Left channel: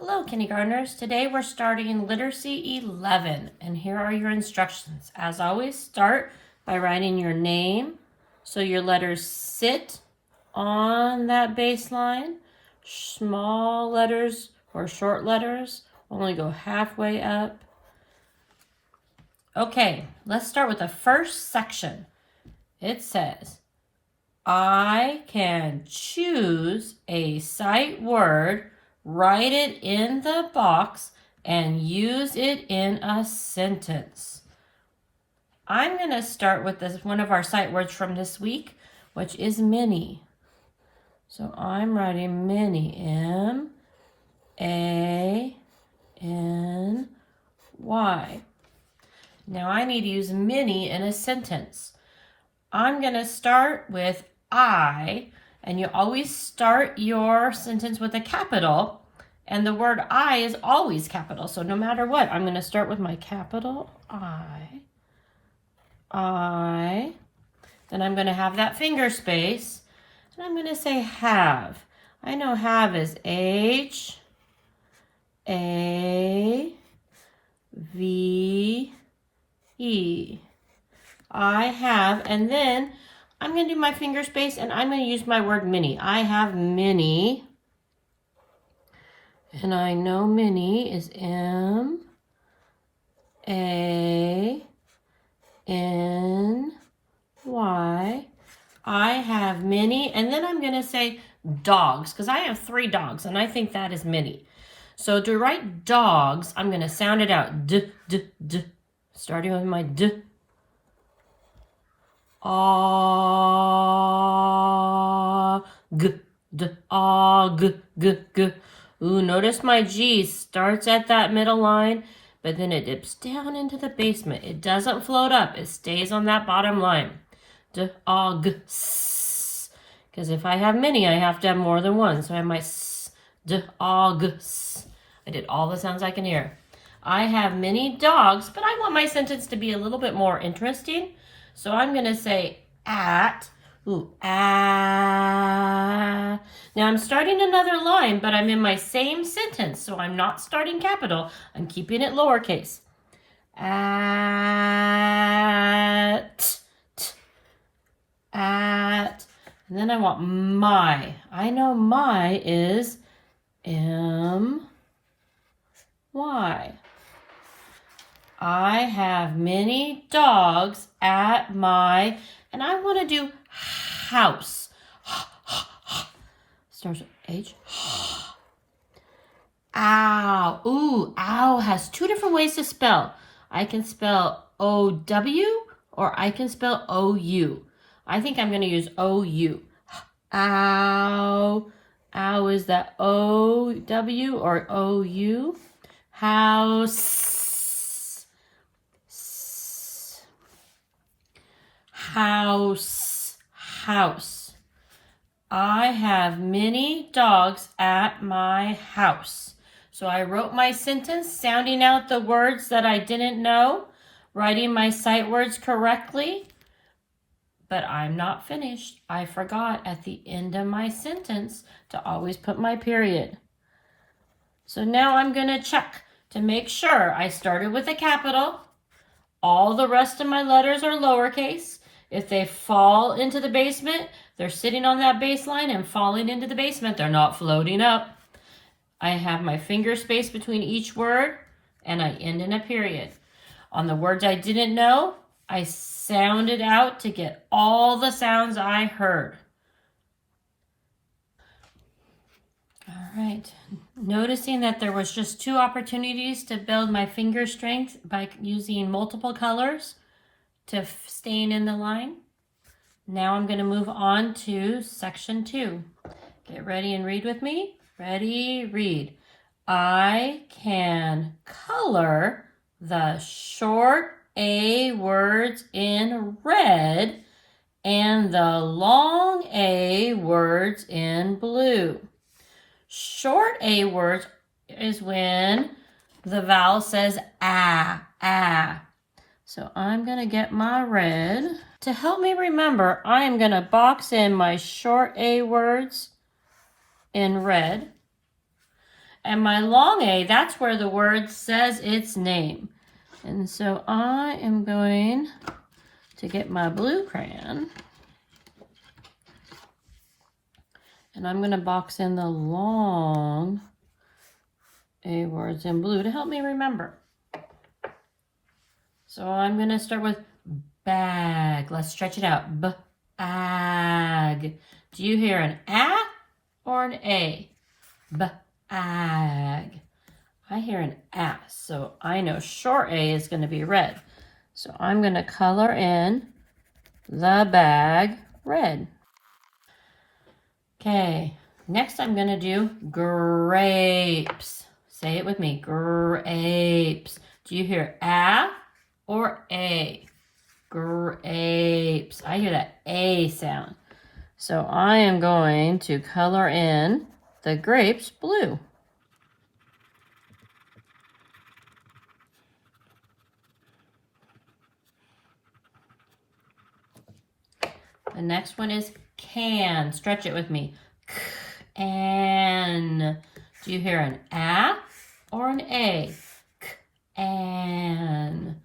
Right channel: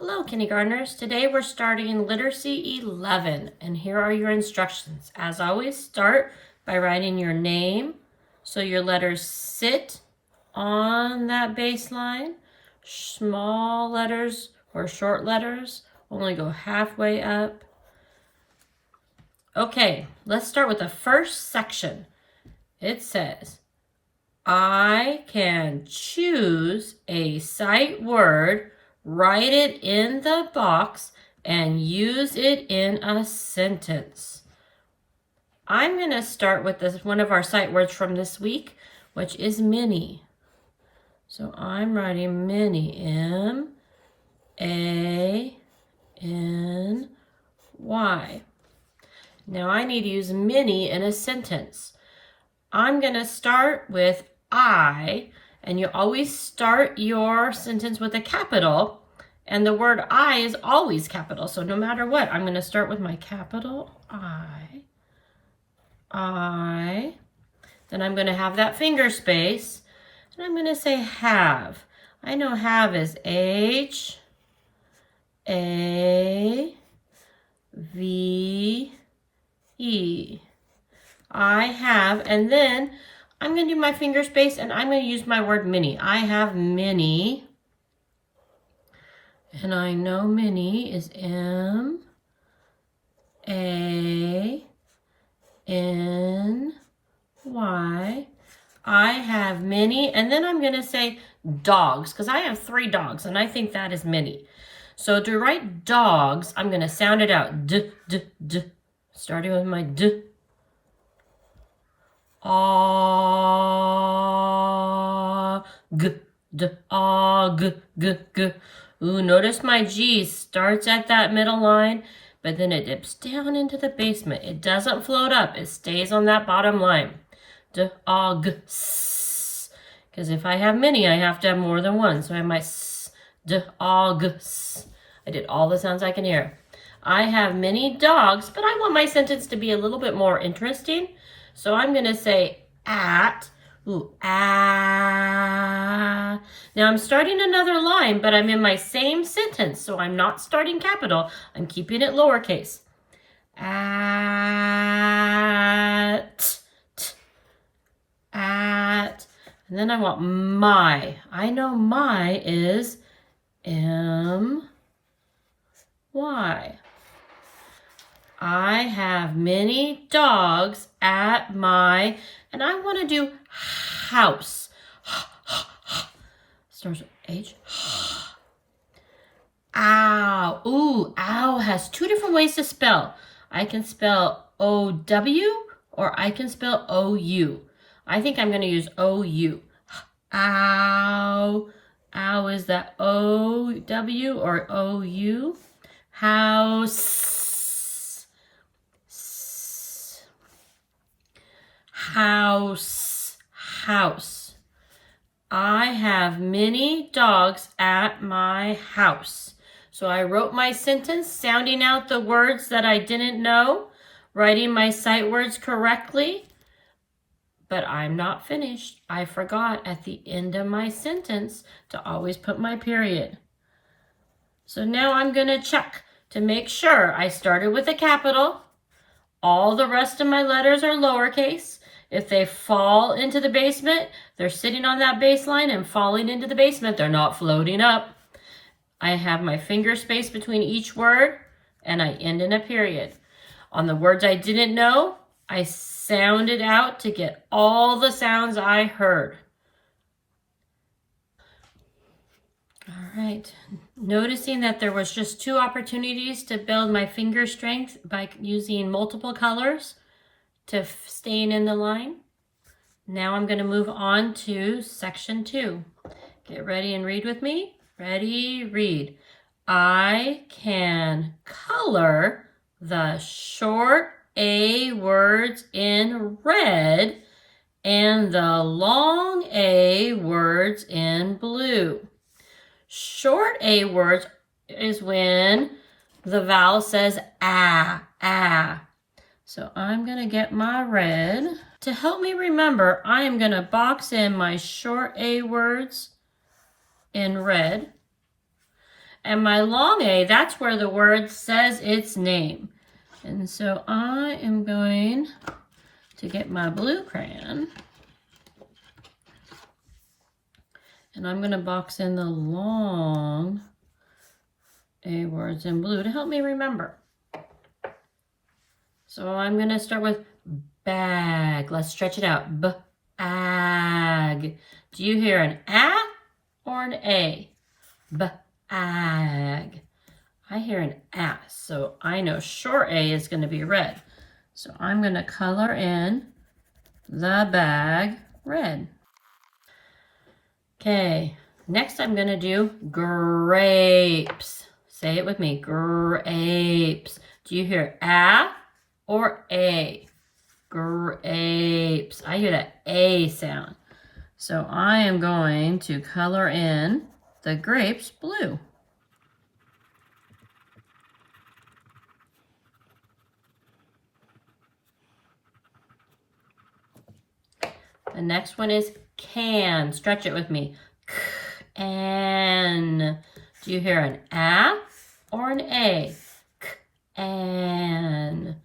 Hello, kindergartners. Today we're starting Literacy 11, and here are your instructions. As always, start by writing your name so your letters sit on that baseline. Small letters or short letters only go halfway up. Okay, let's start with the first section. It says, I can choose a sight word, write it in the box, and use it in a sentence. I'm going to start with one of our sight words from this week, which is mini. So I'm writing mini, M-A-N-Y. Now I need to use mini in a sentence. I'm going to start with I, and you always start your sentence with a capital, and the word I is always capital. So no matter what, I'm going to start with my capital I. Then I'm going to have that finger space, and I'm going to say have. I know have is H-A-V-E. I have, and then I'm going to do my finger space, and I'm going to use my word mini. I have mini, and I know mini is M-A-N-Y. I have many, and then I'm going to say dogs, because I have 3 dogs, and I think that is many. So to write dogs, I'm going to sound it out, d, d, d, starting with my d. G, d, g, g, g. Ooh, notice my G starts at that middle line, but then it dips down into the basement. It doesn't float up. It stays on that bottom line. D, g, s. Because if I have many, I have to have more than one. So I have my s, d, g, s. I did all the sounds I can hear. I have many dogs, but I want my sentence to be a little bit more interesting. So I'm going to say at, Now I'm starting another line, but I'm in my same sentence, so I'm not starting capital. I'm keeping it lowercase. At, and then I want my. I know my is M-Y. I have many dogs at my, and I want to do house. Starts with H. Ow. Ooh, ow has 2 different ways to spell. I can spell O-W or I can spell O-U. I think I'm going to use O-U. Ow. Ow is that O-W or O-U? House. House, house. I have many dogs at my house. So I wrote my sentence, sounding out the words that I didn't know, writing my sight words correctly, but I'm not finished. I forgot at the end of my sentence to always put my period. So now I'm going to check to make sure I started with a capital. All the rest of my letters are lowercase. If they fall into the basement, they're sitting on that baseline and falling into the basement. They're not floating up. I have my finger space between each word, and I end in a period. On the words I didn't know, I sounded out to get all the sounds I heard. All right. Noticing that there was just 2 opportunities to build my finger strength by using multiple colors to staying in the line. Now I'm going to move on to section 2. Get ready and read with me. Ready, read. I can color the short A words in red and the long A words in blue. Short A words is when the vowel says ah, ah. So I'm going to get my red. To help me remember, I am going to box in my short A words in red. And my long A, that's where the word says its name. And so I am going to get my blue crayon. And I'm going to box in the long A words in blue to help me remember. So I'm going to start with bag. Let's stretch it out. B-ag. Do you hear an A or an A? B-ag. I hear an A, so I know short A is going to be red. So I'm going to color in the bag red. Okay, next I'm going to do grapes. Say it with me, grapes. Do you hear A or A? Grapes. I hear that A sound. So I am going to color in the grapes blue. The next one is can. Stretch it with me. Can. Do you hear an A or an A? Can.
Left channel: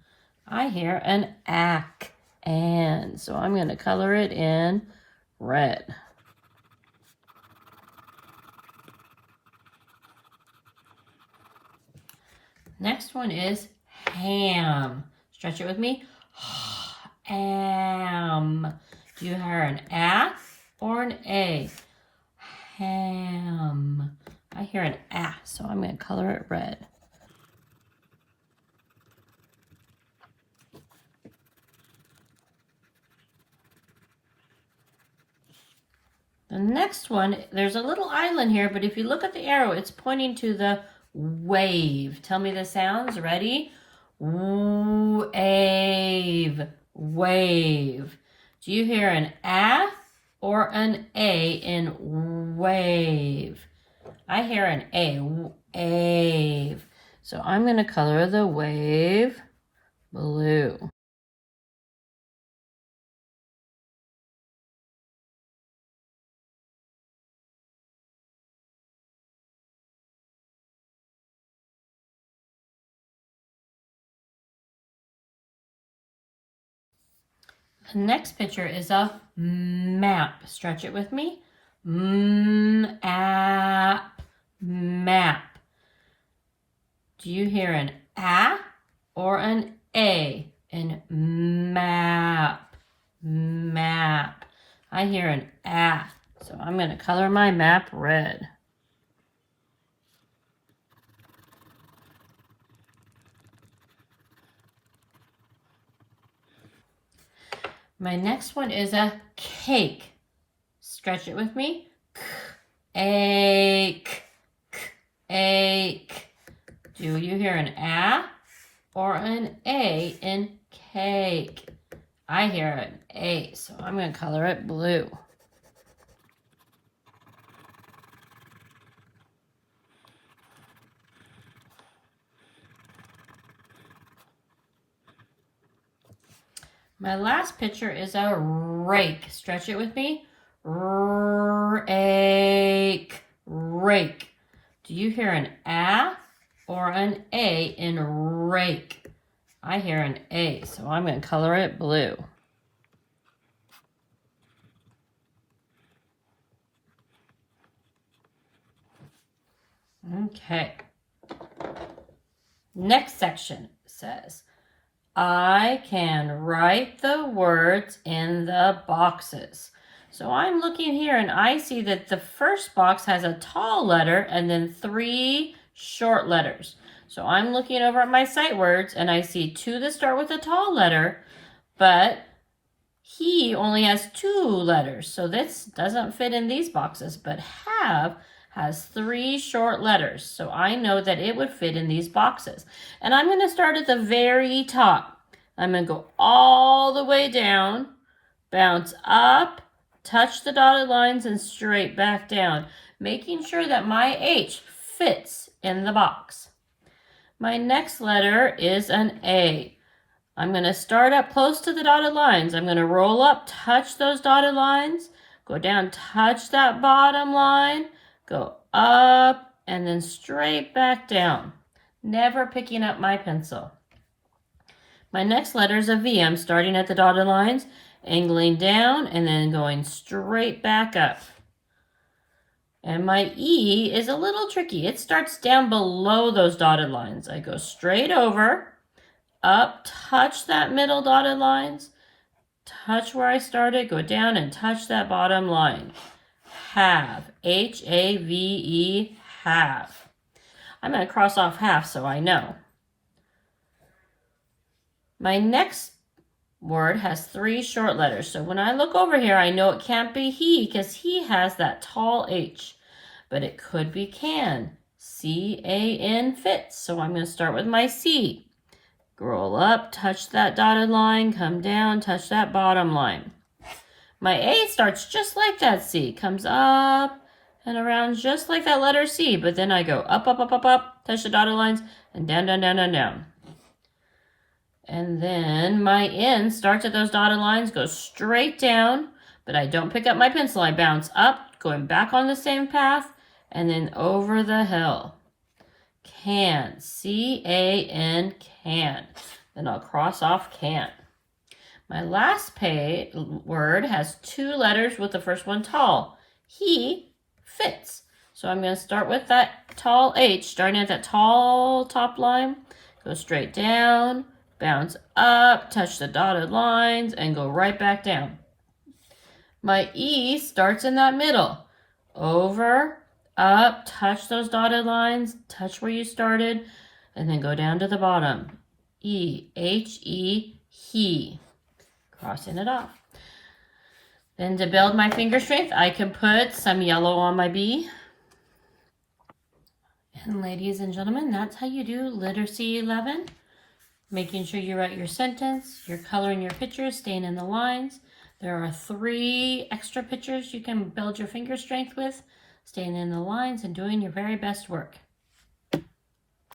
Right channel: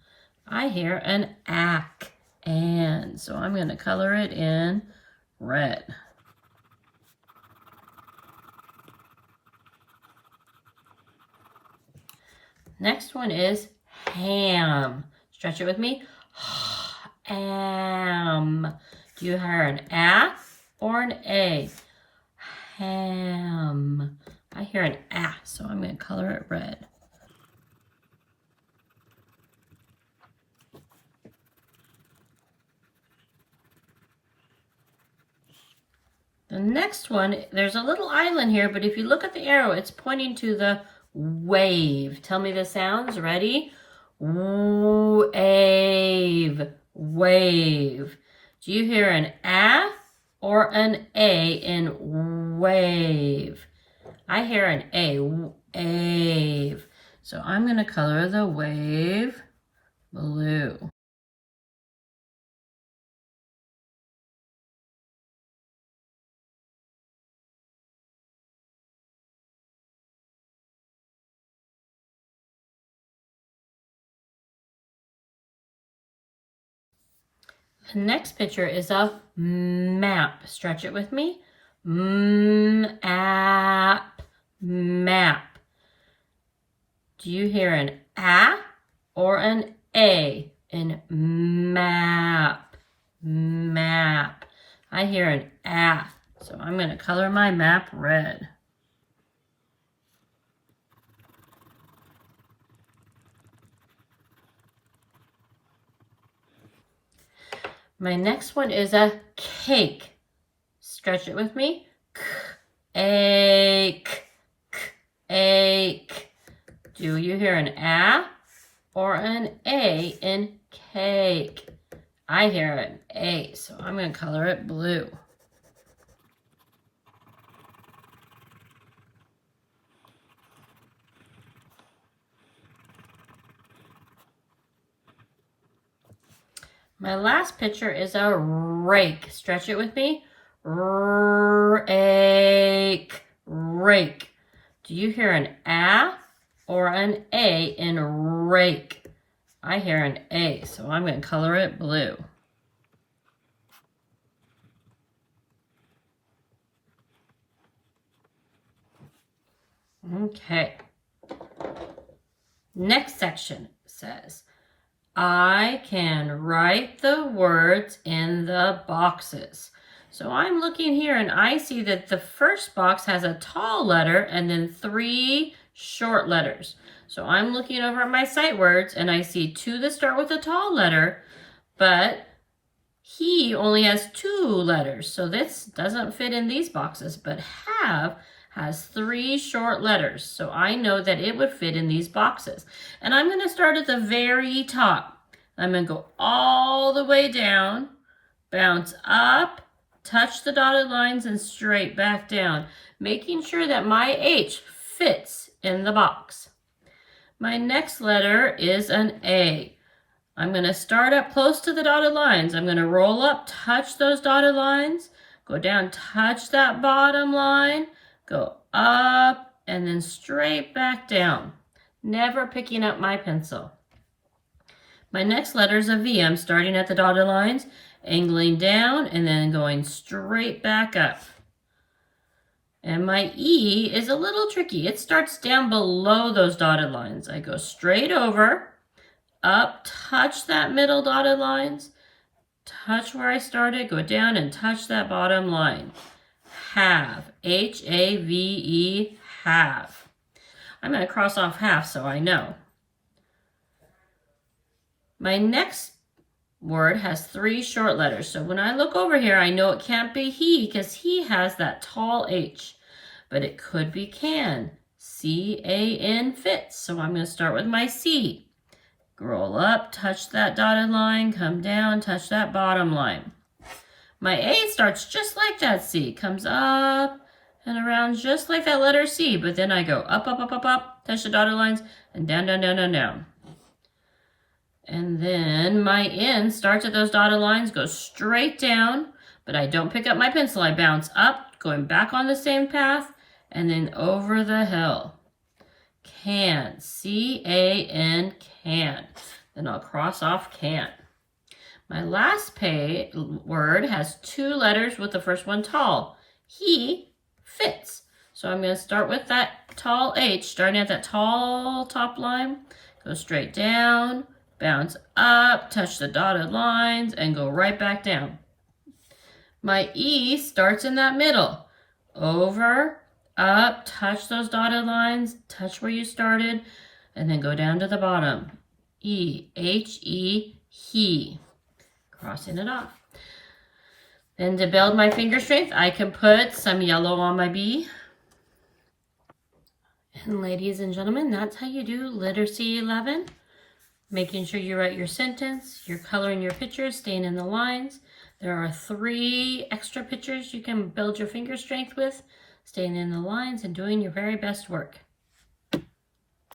I hear an ack. And so I'm going to color it in red. Next one is ham. Stretch it with me. Ham. Do you hear an A or an A? Ham. I hear an A, so I'm going to color it red. The next one, there's a little island here, but if you look at the arrow, it's pointing to the wave. Tell me the sounds. Ready? Wave. Wave. Do you hear an A or an A in wave? I hear an A. Wave. So I'm going to color the wave blue. The next picture is a map. Stretch it with me. Map. Map. Do you hear an A or an A in map? Map. I hear an A, so I'm going to color my map red. My next one is a cake. Stretch it with me. Ache. Ache. Do you hear an A or an A in cake? I hear an A, so I'm going to color it blue. My last picture is a rake. Stretch it with me. Rake. Rake. Do you hear an A or an A in rake? I hear an A, so I'm going to color it blue. Okay. Next section says, I can write the words in the boxes. So I'm looking here and I see that the first box has a tall letter and then 3 short letters. So I'm looking over at my sight words and I see 2 that start with a tall letter, but he only has 2 letters. So this doesn't fit in these boxes, but have has 3 short letters. So I know that it would fit in these boxes. And I'm going to start at the very top. I'm going to go all the way down, bounce up, touch the dotted lines, and straight back down, making sure that my H fits in the box. My next letter is an A. I'm going to start up close to the dotted lines. I'm going to roll up, touch those dotted lines, go down, touch that bottom line, go up, and then straight back down, never picking up my pencil. My next letter is a V. I'm starting at the dotted lines, angling down, and then going straight back up. And my E is a little tricky. It starts down below those dotted lines. I go straight over, up, touch that middle dotted lines, touch where I started, go down and touch that bottom line. Have, H-A-V-E, have. I'm going to cross off half so I know. My next word has 3 short letters. So when I look over here, I know it can't be he because he has that tall H. But it could be can. C-A-N fits. So I'm going to start with my C. Scroll up, touch that dotted line, come down, touch that bottom line. My A starts just like that C. Comes up and around just like that letter C. But then I go up, up, up, up, up, touch the dotted lines, and down, down, down, down, down. And then my N starts at those dotted lines, goes straight down, but I don't pick up my pencil. I bounce up, going back on the same path, and then over the hill. Can, C-A-N, can. Then I'll cross off can. My last word has 2 letters with the first one tall. He fits. So I'm going to start with that tall H, starting at that tall top line, go straight down, bounce up, touch the dotted lines, and go right back down. My E starts in that middle. Over, up, touch those dotted lines, touch where you started, and then go down to the bottom. E, H-E, he. Crossing it off. Then to build my finger strength, I can put some yellow on my B. And ladies and gentlemen, that's how you do Literacy 11. Making sure you write your sentence, you're coloring your pictures, staying in the lines. There are 3 extra pictures you can build your finger strength with, staying in the lines and doing your very best work.